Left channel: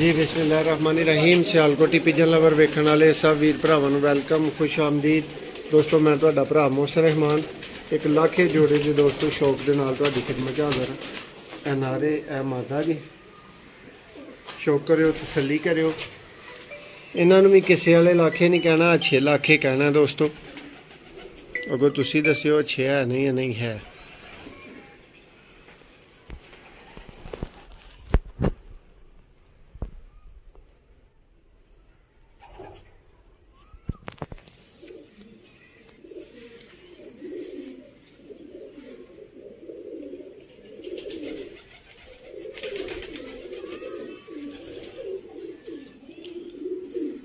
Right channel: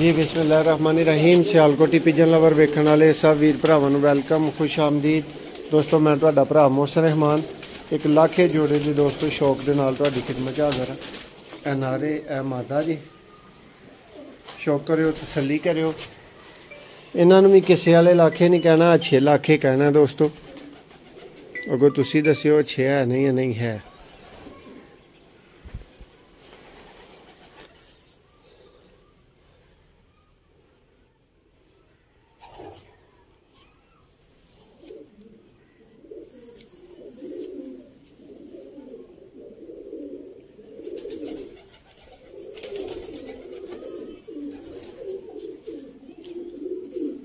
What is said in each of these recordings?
जी बिस्मिल्लाहिर्रहमानिर्रहीम। Sialkoti pigeon lover वेखण वाले सब वीर भरावां नूं वैलकम, खुश आमदीद। दोस्तों मैं तुहाडा भरा मोहसिन रहमान एक लाखे जोड़े की दोस्तों शौक के नाल तुहाडी खिदमत च हाज़र हां। नारे ए मादा जी शौक करियो, तसल्ली करियो। इन्हां नूं भी किसे वाले लाखे नहीं कहना, अच्छे लाखे कहना दोस्तों। अगो तुसीं दस्सिओ अच्छे है नहीं या नहीं है।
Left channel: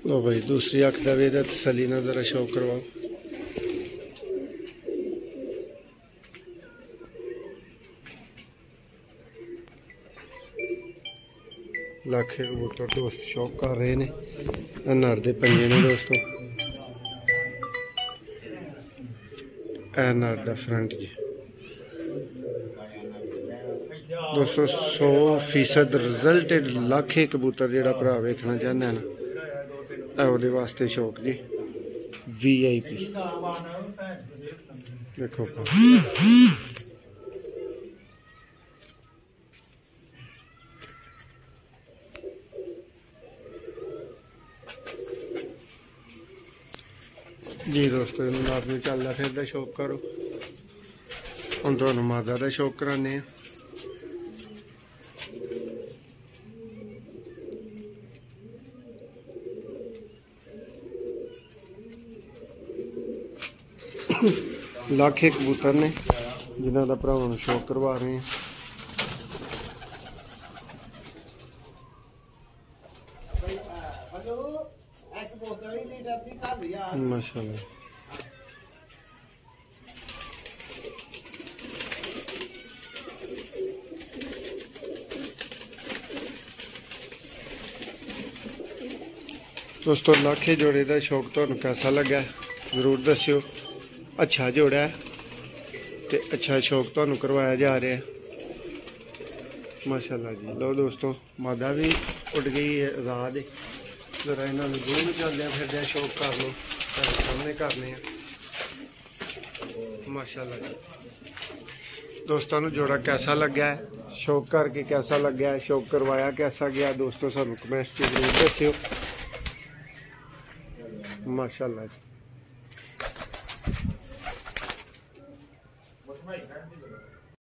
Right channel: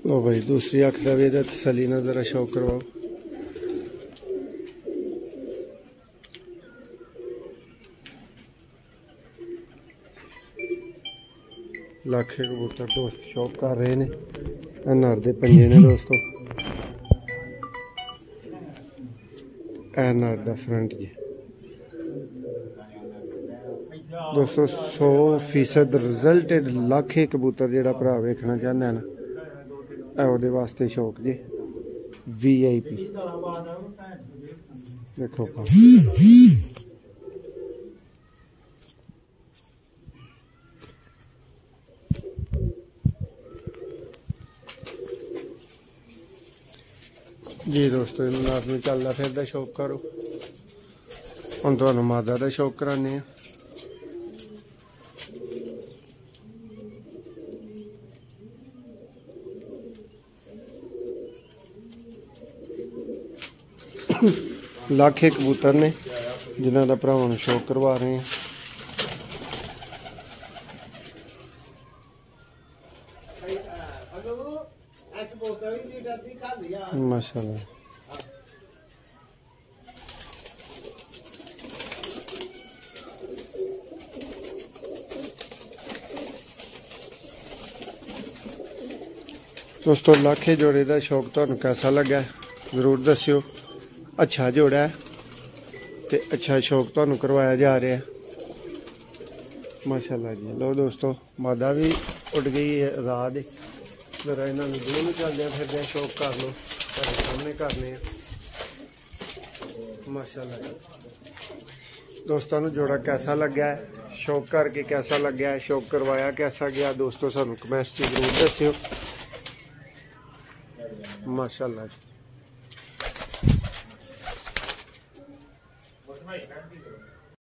लो भाई दूसरी अख का भी तसली ना जरा शौक करवाओ। लाखे कबूतर दोस्त शौक कर रहे ने। नर दे पंजे ने दोस्तों, ए नर दा फ्रंट जी दोस्तों। 100% रिजल्टेड लाखे कबूतर जेड़ा भरा वेखना चाहता है ਉਹਦੇ वास्ते शौक जी VIP देखो जी दोस्तों। आदमी चलता फिरदा शौक करो। हम तुहानू मादा का शौक कराने। लाखे कबूतर ने जिन्हों का भरावां नूं शौक करवा रहे हैं। माशाल्लाह दोस्तों, लाखे जोड़े का शौक तुहानूं कैसा लगा जरूर दस्सिओ। अच्छा जोड़ा है तो अच्छा शौक तुहानूं करवाया जा रहा है। माशाल्लाह जी। लो दोस्तों, मादा भी उड़ गई है आज़ाद। जरा इन्हों दोनों चलदे फिरदे शौक कर लो, सामने करने। माशाल्लाह जी। दोस्तों नूं जोड़ा कैसा लगा है, शौक करके कैसा लगा है, शौक करवाया कैसा गया दोस्तों, सानूं कमेंट्स जरूर दस्सिओ। माशाल्लाह जी।